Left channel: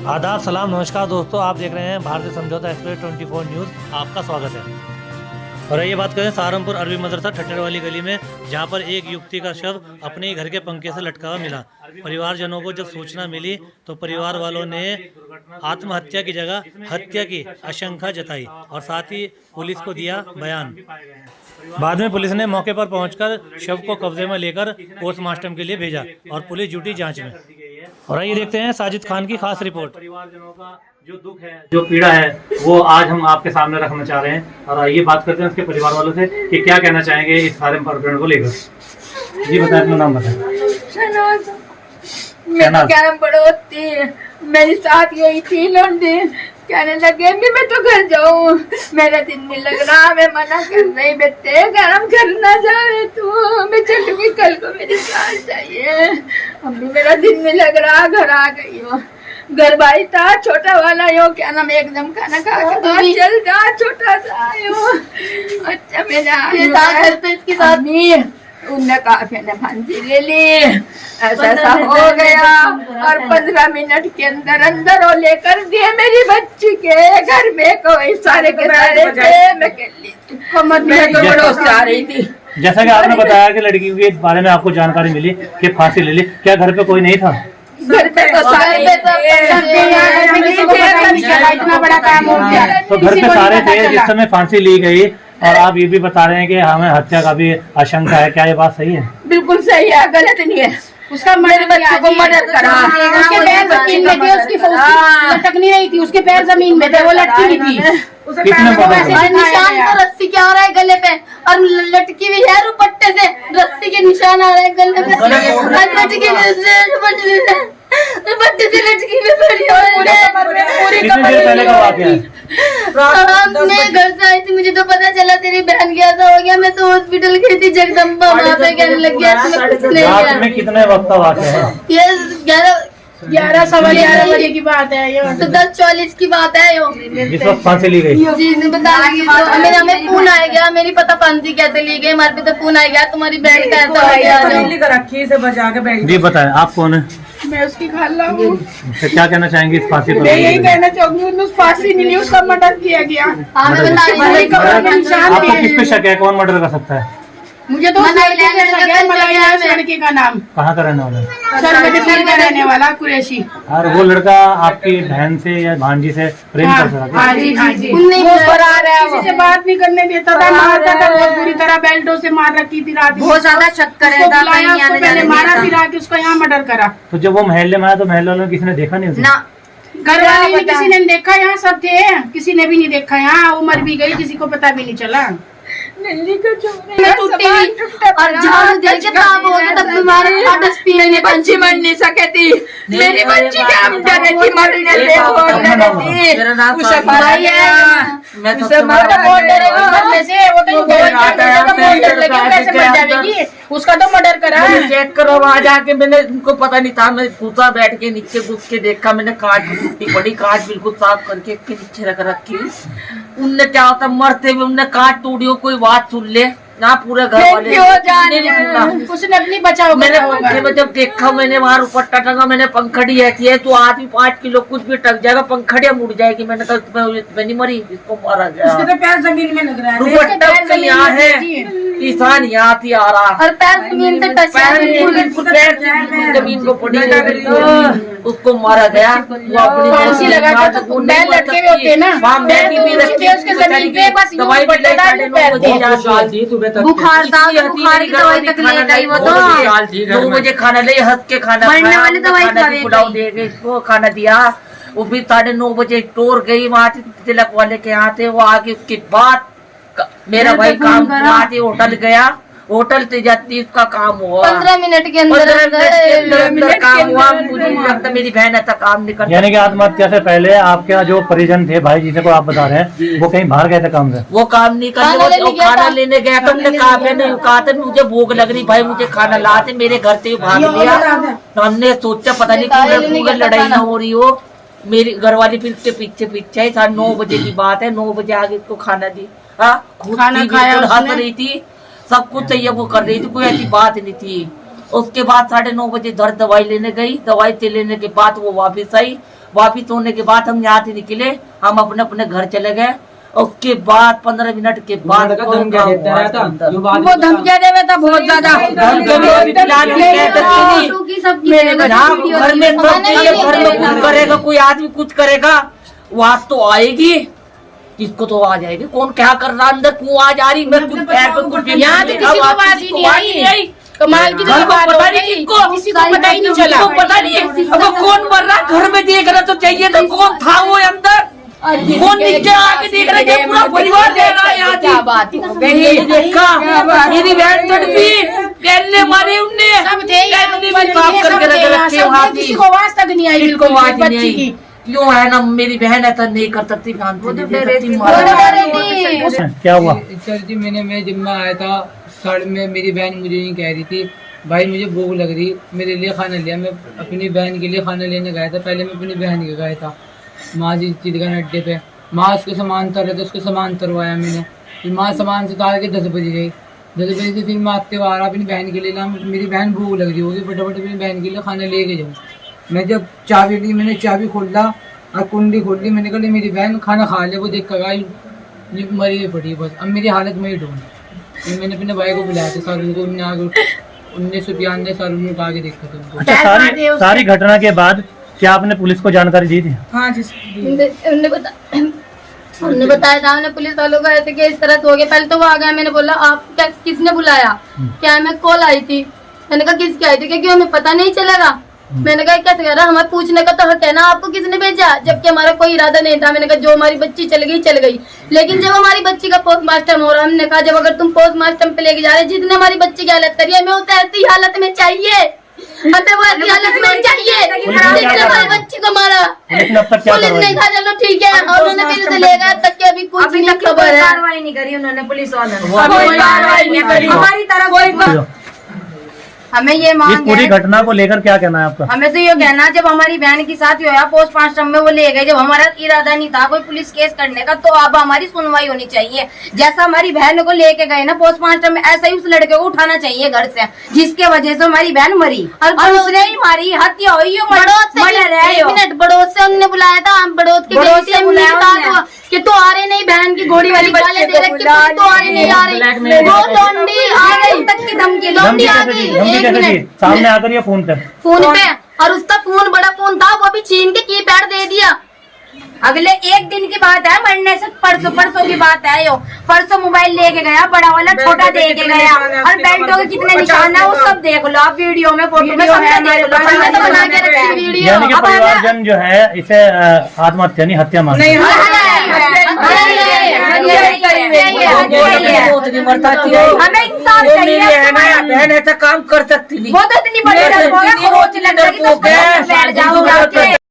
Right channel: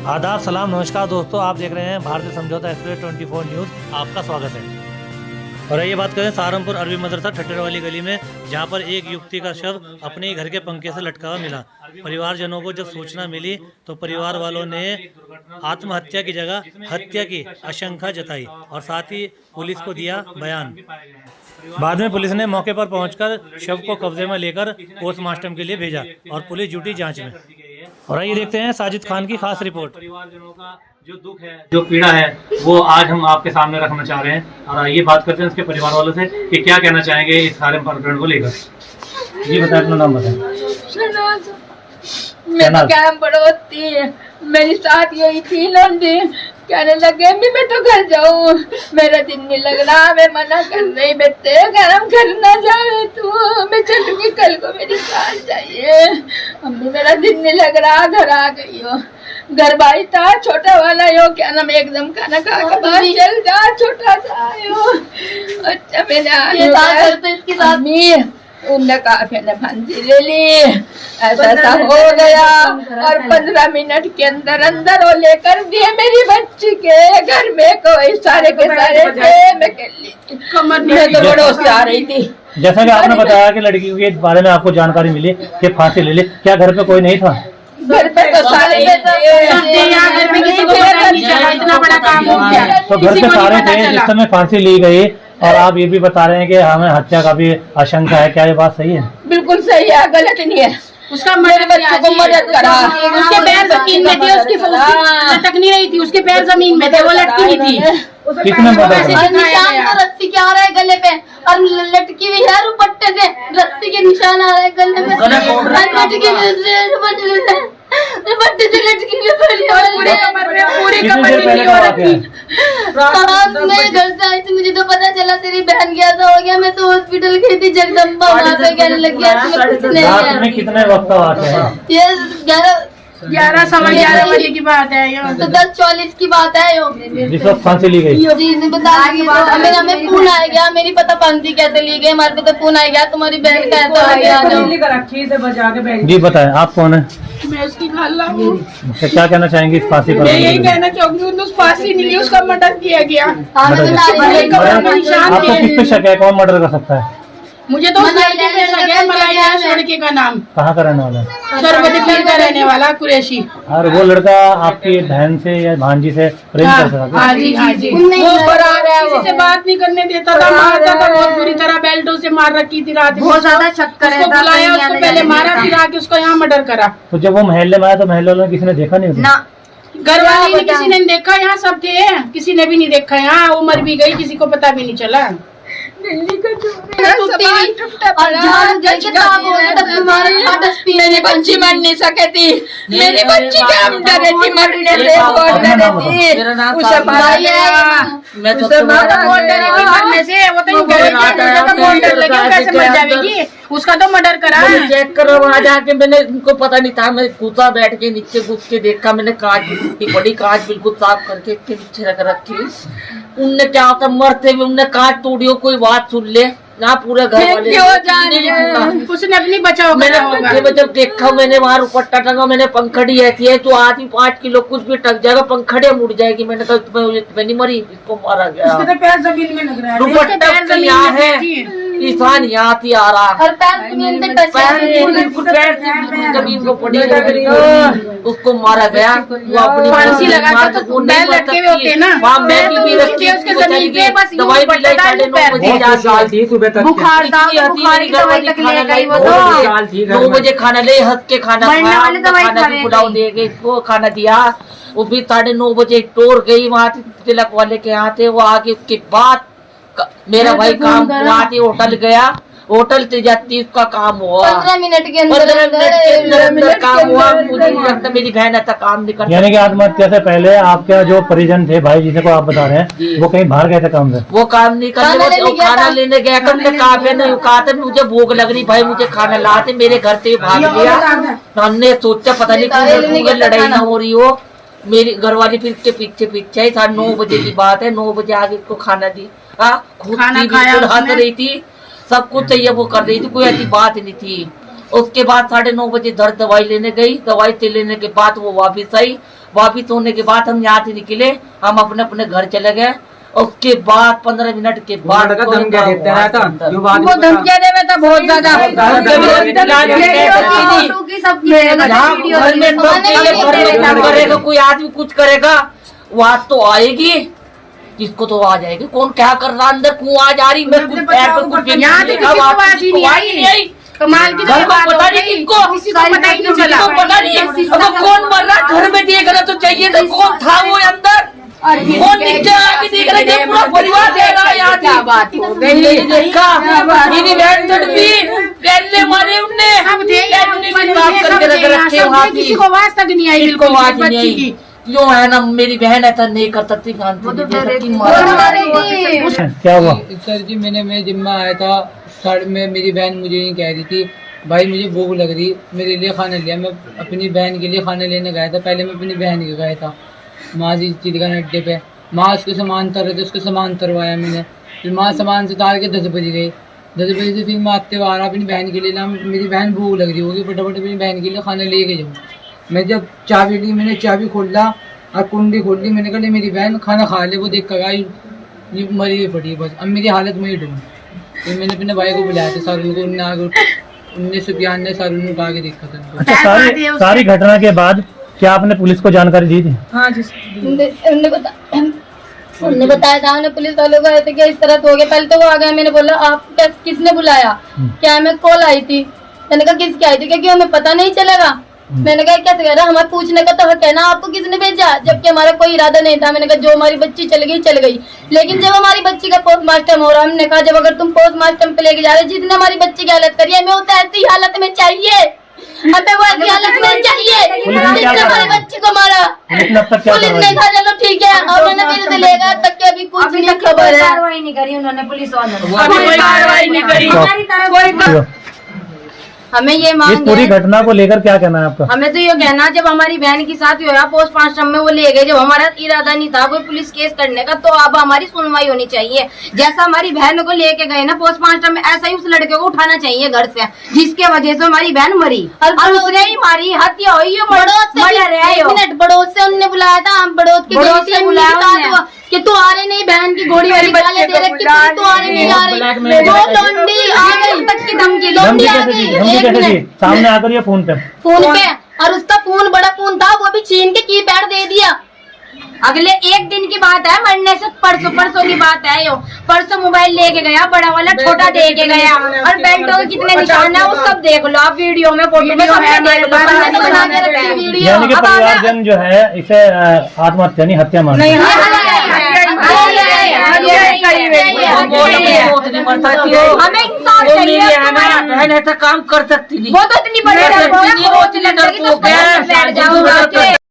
आदाब, सलाम, नमस्कार दोस्तों, आप देख रहे हैं भारतीय समझौता एक्सप्रेस 24 न्यूज़। आपका स्वागत है। और ये बात करें सहारनपुर अरबी मदरसा ठट्टर वाली गली में, जहां पर एक युवती का शव अपने ही घर के पंखे से लटका हुआ मिला। परिवारजनों को जब सूचना मिली तो परिवार वालों ने आत्महत्या की जगह हत्या की आशंका जताई और साथ ही पुलिस को दिया बयान। बाद में पुलिस ने मौके पर पहुंचकर शव को कब्जे में लेकर पोस्टमार्टम के लिए भेजा और पुलिस जुटी जांच में। और आइए देखते हैं साजिद खान की खास रिपोर्ट। परिवारजनों का जो दुख है, जो पीड़ा है, वो आज हम आपके सामने रखना चाह रहे हैं। और आइए बात करते हैं उसके परिवार वालों से कि क्या कहना चाहेंगे इस सारे प्रकरण को लेकर। जी बताएं, अपना नाम बताएं। मैं तो क्या पड़ोसी, मेरी साथ यही थी लौंडी, कहने लगे अम्मी मैं तो घर जाऊं, मेरा दिन नहीं लग रहा। मैं मना कर रही, बेटे घर हम घर ना जाए तू, मैं चलूंगी कल को, मेरी साथ चाहिए। अम्मी मेरा दिन नहीं लग रहा, घर आ गई हो। घर भाई था छोटा वाला यो, क्या नाम, एकदम खाना खा के बाहर चल जा, छोटा सा यो। अच्छा मैंने उनने कहा मैंने फांसी ले ली, ऐसा हो गया। और 15 मिनट के अंदर अंदर वो लेकर दिए मेरी बच्ची के घर में, कोई सारे के सारे थे। मैं तो बड़ा आ रही थी। जैसा कि आपने बताया कि लड़की के बारे में आपको जानकारी मिली कि फांसी ले ली, क्या घर पे कोई नहीं था? घर पे तो सारे इतना बड़ा काम हो गया। तो घर पे सारे थे जिस समय फांसी ली गई, और आप ये भी बता रहे हैं कि हमें हत्या का भी आशंका है, क्या ये बात सही है? बिल्कुल सही है, गलत नहीं है। उसका मेरे बच्चों को मदद करा, उसके पैर जमीन में थे, उसकी लटक नहीं रही थी, उसके पैर जमीन में थे, वो लटकी नहीं थी। किसने मदद करा? निशान तो रस्सी के आ रहा है गले पे, और लटकी हुई है रुपट्टे से, रस्सी के निशान आ रहे हैं गले पे, और लटकी दुपट्टे से लटकी हुई पड़ी कितनी देर पहले का वाकया है? मैं घर से आई थी, मुझे तो पता चला तेरी बहन की ऐसा हो गया। मैं तो हॉस्पिटल गई थी, जगदम्बा वहाँ पे कहने लग गया कुछ नहीं रात है। में कितने वक्त का वाकया है? ये 11 सवा 11 बजे की बात है यो। तो 10:40 की बात है यो। जिस वक्त फांसी ली गई। जी बता मेरे हमें फोन आ गया, मेरी पता फांसी कैसे ली गई, हमारे पे तो फोन आ गया तुम्हारी बहन का ऐसा हो गया। जी बताएं, आप कौन है? मैं उसकी खाला हूँ। क्या कहना चाहेंगे इस फांसी पर? मैं यही कहना चाहूंगी, उन्होंने फांसी नहीं ली, उसका मर्डर किया गया। हमें बता रही थी। कब्र में निशान आपको थे। किस पे शक है, कौन मर्डर कर सकता है? मुझे तो उस लड़के पे शक है, मलाई है उस लड़के का नाम, कहाँ का रहने वाला है? सरवती का रहने वाला कुरैशी। और वो लड़का आपकी बहन से या भांजी से प्रेम करता था? हाँ जी, हाँ जी। नहीं, वो फरार है, किसी से बात नहीं करने देता था, मारता था बहुत बुरी तरह, बेल्टों से मार रखी थी रात में। बहुत ज्यादा शक करे उसको बुलाया, उसको पहले मारा, फिर आके उसका यहाँ मर्डर करा। तो जब वो महल्ले में आया तो महल्ले वालों ने किसी ने देखा नहीं उसे? ना घर वाले ने किसी ने देखा, यहाँ सब थे, किसी ने भी नहीं देखा। यहाँ उम्र भी गई, किसी को पता भी नहीं चला। मेरी बच्ची मर नहीं सके थी, मेरी बच्ची के हम डरे थी मरने से, बहुत डरे थी। उसे मारा गया, उसे मारा मरने से, वो तो जाएगी, उसका तो मर्डर करा है। चेक करो, वहाँ जाके मैंने उनको पता नहीं था, मैं कूदा बैठ के नीचे घुस के देखा, मैंने कांच इतनी बड़ी कांच बिल्कुल साफ करके के नीचे रख रखी। उनने क्या होता मरते हुए उनने कांच तोड़ी हो, कोई बात सुन ले ना, पूरे घर वाले उसने अपनी बचाओ। मैंने जब देखा, मैंने वहाँ रुपट्टा टंगा, मैंने पंखड़ी रहती है तो आदमी 5 किलो कुछ भी टक जाएगा, पंखड़िया मुड़ जाएगी। मैंने कहा तुम्हें नहीं मरी, इसको मारा गया। रुपट्टा यहाँ है, ईशान यहाँ थी आ रहा, और पैर जमीन से टच बिल्कुल पैर बिल्कुल जमीन को पड़ी है, बिल्कुल उसको मारा गया। वो अपनी फांसी लगा के तो नहीं मर सकती, वहाँ मैगी भी रखी, दवाई भी लाई 9:30 बजे बुखार था, बुखार की दवाई तक ले गई वो तो। 9 बजे खाना ले, हंस के खाना खाया, खाना भी पुलाव दे गए, इसको खाना दिया। वो भी 9:30 बजे टोर गई, वहाँ तिलक वाले के यहाँ थे। वो आगे उसके बाद मेरा भाई काम वहाँ थे, होटल गया, होटल से जाती उसका काम हुआ 15 मिनट के 15 मिनट के अंदर काम हुआ। मुझे नहीं लगता मेरी बहन ऐसा काम नहीं करती। यानी कि आत्महत्या से पहले आपके जो परिजन थे, भाई जिसे को आप बता रहे हैं, वो कहीं बाहर गए थे काम से? वो काम नहीं करते, वो खाना लेने गया था। हमने कहा नहीं, कहा था मुझे भूख लग रही भाई, मुझे खाना लाते, मेरे घर से भाग लिया। तो हमने सोचा पता नहीं क्यों लड़ाई ना हो रही हो, मेरी घरवाली फिर के पीछे पीछे 9:30 बजे की बात है, 9 बजे आगे उसको खाना दी। खुद बिल्कुल हंस रही थी, सब कुछ चाहिए वो कर रही थी, कोई ऐसी बात नहीं थी। उसके बाद 9:30 बजे घर दवाई लेने गई, दवाई से लेने के बाद वो वापिस आई। वापिस होने के बाद हम यहाँ से निकले, हम अपने अपने घर चले गए। उसके बाद 15 मिनट के बाद वो धमकियां देवे था बहुत ज्यादा। घर में फोन करेगा, कोई आदमी कुछ करेगा, आवाज तो आएगी, किसको तो आवाज आएगी। कौन क्या कर रहा अंदर, क्यों आवाज आ रही, मैं कुछ पैर पे कुछ यहाँ तो किसी को आवाज ही नहीं आई। कमाल की घर को पता नहीं किसको पता ही नहीं चला। पता नहीं अब कौन मर रहा, घर में देखना तो चाहिए था कौन था वो अंदर, कौन नीचे आके देख रहा है, पूरा परिवार देख रहा है यहाँ देखा। मेरी बहन तड़पी, पहले मारे उनने, काम करके रखे वहाँ, किसी को आवाज तक नहीं आई, को आवाज नहीं आई। क्यों है ना, मेरी बहन ऐसा नहीं कर सकती, क्या हुआ? सर जी मैं जिम्मा आया था साइड में, मेरी बहन मुझे नहीं कह रही थी भाई मुझे भूख लग रही, मेरे लिए खाना लिया। मैं अपनी बहन के लिए खाना लेने गया था, पहले मैं अपनी बहन के गया था माँ जी चिड़गन अड्डे पे। माँ उसके सामान उतर रहे थे, उसके सामान उतरवाया मैंने, फिर माँ सामान से उतार के 10 बजे गई। 10 बजे से फिर मैं आते हुए आ रहा अपनी बहन के लिए, ना मेरी बहन भूख लग रही होगी, फटाफट अपनी बहन के लिए खाना लेके जाऊँ। मैं जब चाबी ली, मैंने चाबी खोला और कुंडी खोल ली, मैंने कहा मेरी बहन खाना खा ले। वो देख कर ये मरी हुई पड़ी बस, अब मेरी हालत में ही ढूंढ। फिर मैंने अपने भाई को बुलाया था, सारुन को, उनने आगे 1992 ने सारुन को आगे देखा था उनको। अच्छा, सारी घटना के बाद क्या आपने पुलिस को जानकारी दी थी? हाँ जी उन्होंने बताया था, हमने पुलिस वालों को ऐसे कि इस तरह हो गया। पहले तो वो आ गया, मैंने बोला आप किसने बुलाया, क्या मैं कॉल आई थी। मैंने कहा किसकी आई थी, क्योंकि हमें पता नहीं चलेगा। मैंने कहा क्या कह रहा, हमें पूछने का तो हक है ना, आपको किसने भेजा, जबकि हमारा कोई इरादा नहीं था। मैंने कहा जो हमारी बच्ची चल गई। लेकिन जब हमारी बच्ची का पोस्टमार्टम हो रहा, हमने कहा जब अगर तुम पोस्टमार्टम पे लेके जा रहे, जितने हमारी बच्ची की हालत करी है, हमें होता ऐसी हालत में चाहिए, हमें वो ऐसी हालत में चाहिए जिसने हमारी बच्ची को मारा। पुलिस ने कहा चलो ठीक है, और उन्होंने फिर से ले गया, तक के अभी कुछ नहीं खबर है। कार्रवाई नहीं करी उन्होंने, पुलिस वालों कोई कार्रवाई नहीं करी हमारी तरफ। हमें ये इस मांग पूरी है, घटना को लेकर क्या कहना है आपका? हमें तो ये कहना, जब हमारी बहन की साथ हुआ पोस्टमार्टम में वो ले गए, जब हमारा इरादा नहीं था कोई पुलिस केस करने का, तो अब हमारी सुनवाई होनी चाहिए। जैसा हमारी बहन को लेके गए ना पोस्टमार्टम में, ऐसा ही उस लड़के को उठाना चाहिए घर से, जिसके वजह से हमारी बहन मरी, और उसने ही मारी, हत्या हुई है। बड़ोद से उन्होंने बुलाया था, हम बड़ोद की बुलाया कि तू आ रहे नहीं, बहन की घोड़ी वाली गालें दे रखी, तू आ रही नहीं, आ रही वो लौंडी आ गई, तक की धमकी लौंडी आ गई। एक मिनट, सामने आकर ये फोन पे और उसका फोन बड़ा फोन था, वो भी छीन के कीपैड दे दिया। अगले एक दिन की बात है, मरने से परसों की बात है। यो परसों मोबाइल लेके गया, बड़ा वाला छोटा दे के गया, और बेल्टों के कितने निशान है वो सब देख लो आप, वीडियो में फोटो में सबने देख लो। बना के रखी वीडियो। यानी कि परिवारजन जो है इसे आत्महत्या नहीं हत्या मानते हैं। हमें इंसाफ चाहिए। बहन ऐसा काम कर सकती नहीं, वो तो इतनी बड़ी बैठ जाऊंगा।